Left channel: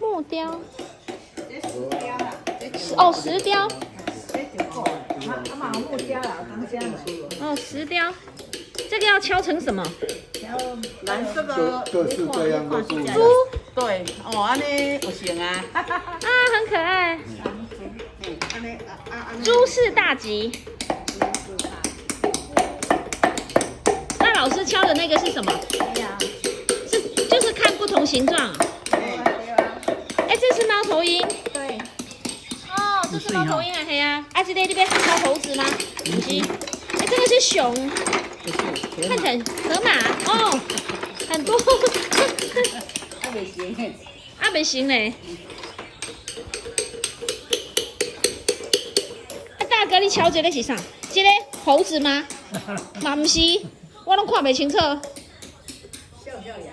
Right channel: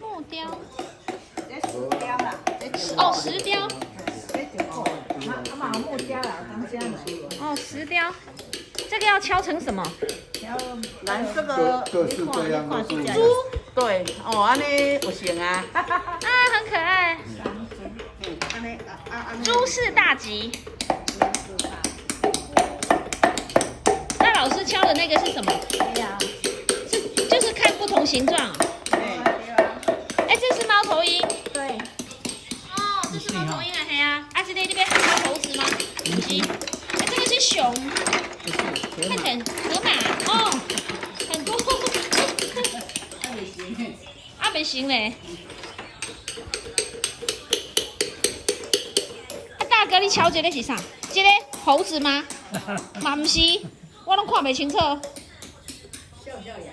木雕。哦，石雕。木雕啦，当家买。哦，石雕。这个要敲成什么？蓝色的各式各样的猪。对，哦，安尼有型啊。啊，很可爱。诸事大吉。那老师敲的那个是什么？就是看不同形状。哎，这是猫头鹰。对。哦，这是猫头鹰啊，嘿呀。啊，这边还有猴子吗？不是。哎，这个是熊。看起来河马哦，很多。啊，不行嘞。啊，大哥，你瞧这个是啥？这个猴子吗？嘛不是，我拢看不清楚。笑笑呀。